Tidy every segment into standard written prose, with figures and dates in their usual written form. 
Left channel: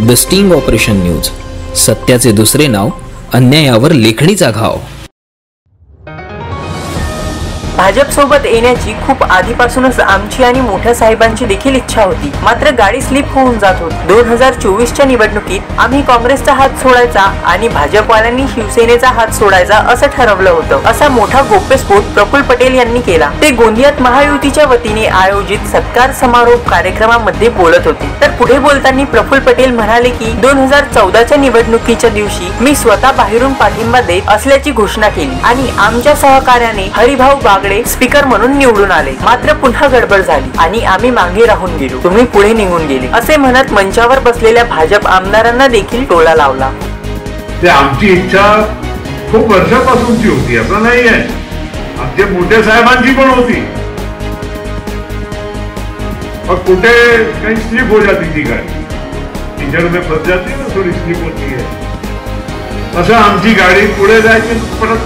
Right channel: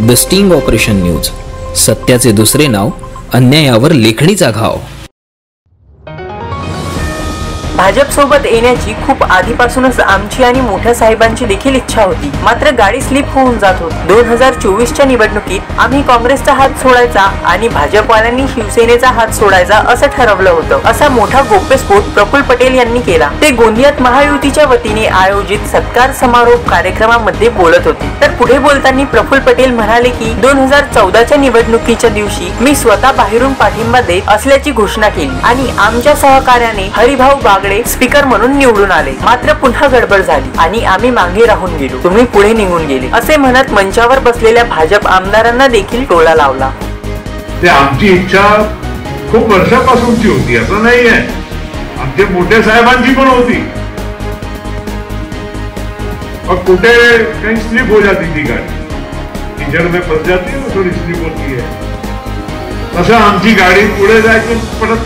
The sting operation news, सत्याचे दुसरे नाव, अन्यायावर लेखणीचा घाव। भाजप सोबत येण्याची खूप आधीपासूनच आमची आणि मोठ्या साहेबांची देखील इच्छा होती, मात्र गाडी स्लिप होऊन जात होती। 2024च्या निवडणुकीत आम्ही काँग्रेसचा हात सोडायचा आणि भाजपवाल्यांनी शिवसेनेचा हात सोडायचा असं ठरवलं होतं। असा मोठा गौप्यस्फोट प्रफुल्ल पटेल यांनी केला। ते गोंदियात महायुतीच्या वतीने आयोजित सत्कार समारोह कार्यक्रमामध्ये बोलत होते। तर पुढे बोलताना प्रफुल्ल पटेल म्हणाले की 2014च्या निवडणुकीच्या दिवशी मी स्वतः बाहेरून पाठिंबा देत असल्याची घोषणा केली आणि आमच्या सहकार्याने हरिभाऊ बागडे स्पीकर म्हणून निवडून आले, मात्र पुन्हा गडबड झाली आणि आम्ही मागे राहून गेलो, तुम्ही पुढे निघून गेले असे म्हणत मंचावर बसलेल्या भाजप आमदारांना देखील टोला लावला। ते आमची इच्छा खूप वर्षापासूनची होती, असं नाहीये, आमच्या मोठ्या साहेबांची पण होती, और कुठे काही स्लिप हो जाती थी गाड़ी, इंजन में फंस जाती ना, थोड़ी स्लिप होती है, असं आमची गाडी पुढे जायची परत।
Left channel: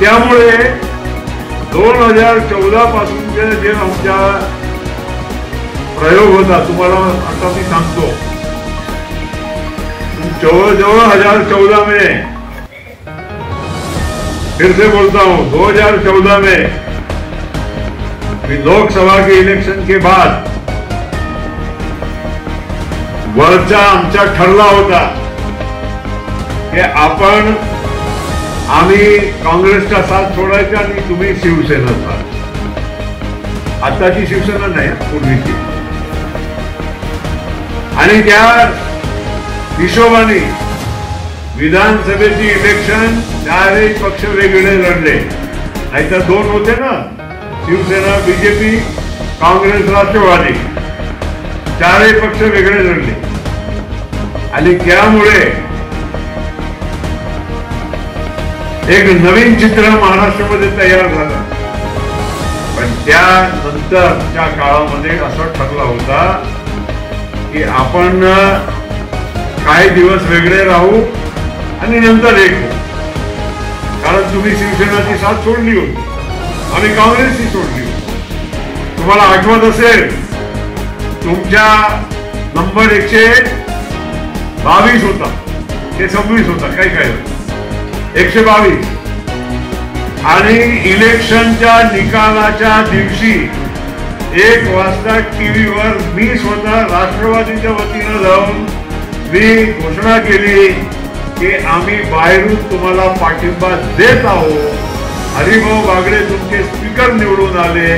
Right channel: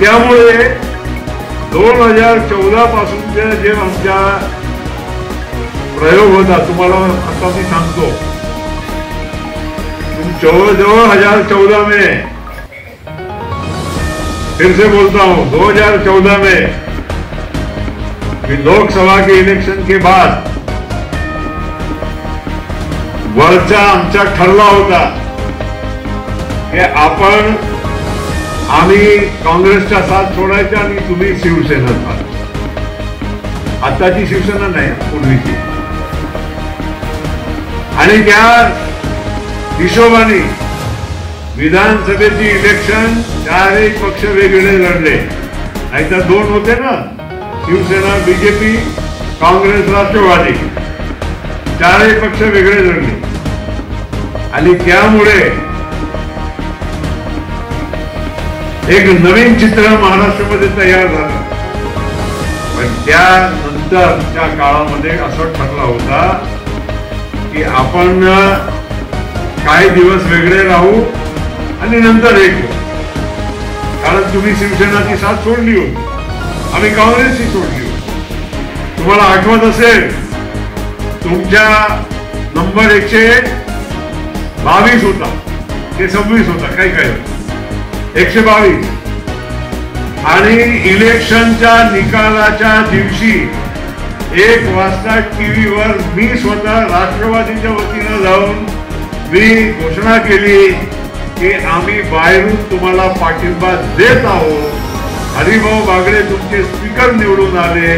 त्यामुळे 2014 पासून जे आमचा प्रयोग होता, तुम्हाला आता मी सांगतो, 2014 में, फिर से बोलता हूं, 2014 में लोकसभा के इलेक्शन के बाद वरचा आमचा ठरला होता की आपण आम्ही काँग्रेसचा साथ सोडायचा आणि तुम्ही शिवसेना साथ। आताची शिवसेना नाही, पूर्वीची। आणि त्या हिशोबाने विधानसभेची इलेक्शन चारही पक्ष वेगळे लढले, नाहीतर दोन होते ना, शिवसेना, बीजेपी, काँग्रेस, राष्ट्रवादी, चारही पक्ष वेगळे लढले। आणि त्यामुळे एक नवीन चित्र महाराष्ट्रामध्ये तयार झालं। पण त्यानंतरच्या काळामध्ये असं ठरला होता की आपण काही दिवस वेगळे राहू आणि नंतर एक होऊ, कारण तुम्ही शिवसेनाची साथ सोडली होती, आम्ही काँग्रेसची सोडली होती। तुम्हाला आठवत असेल, तुमच्या नंबर 122 होता, ते 26 होता, काही काही 122, आणि इलेक्शनच्या निकालाच्या दिवशी 1 वाजता टीव्हीवर मी स्वतः राष्ट्रवादीच्या वतीने जाऊन मी घोषणा केली की आम्ही बाहेरून तुम्हाला पाठिंबा देत आहोत, हरिभाऊ बागडे तुमचे स्पीकर निवडून आले,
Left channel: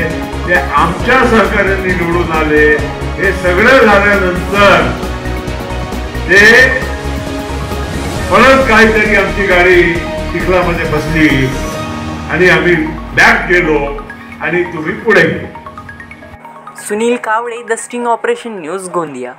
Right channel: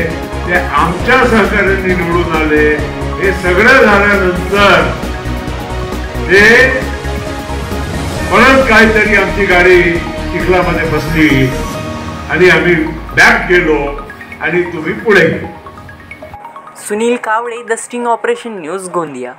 ते आमच्या सहकार्यांनी निवडून आले। हे सगळं झाल्यानंतर ते परत काहीतरी आमची गाडी चिखलामध्ये बसली आणि आम्ही बॅक गेलो आणि तुम्ही पुढे गेलो। Sunil Kawale, the sting operation news, Gondia.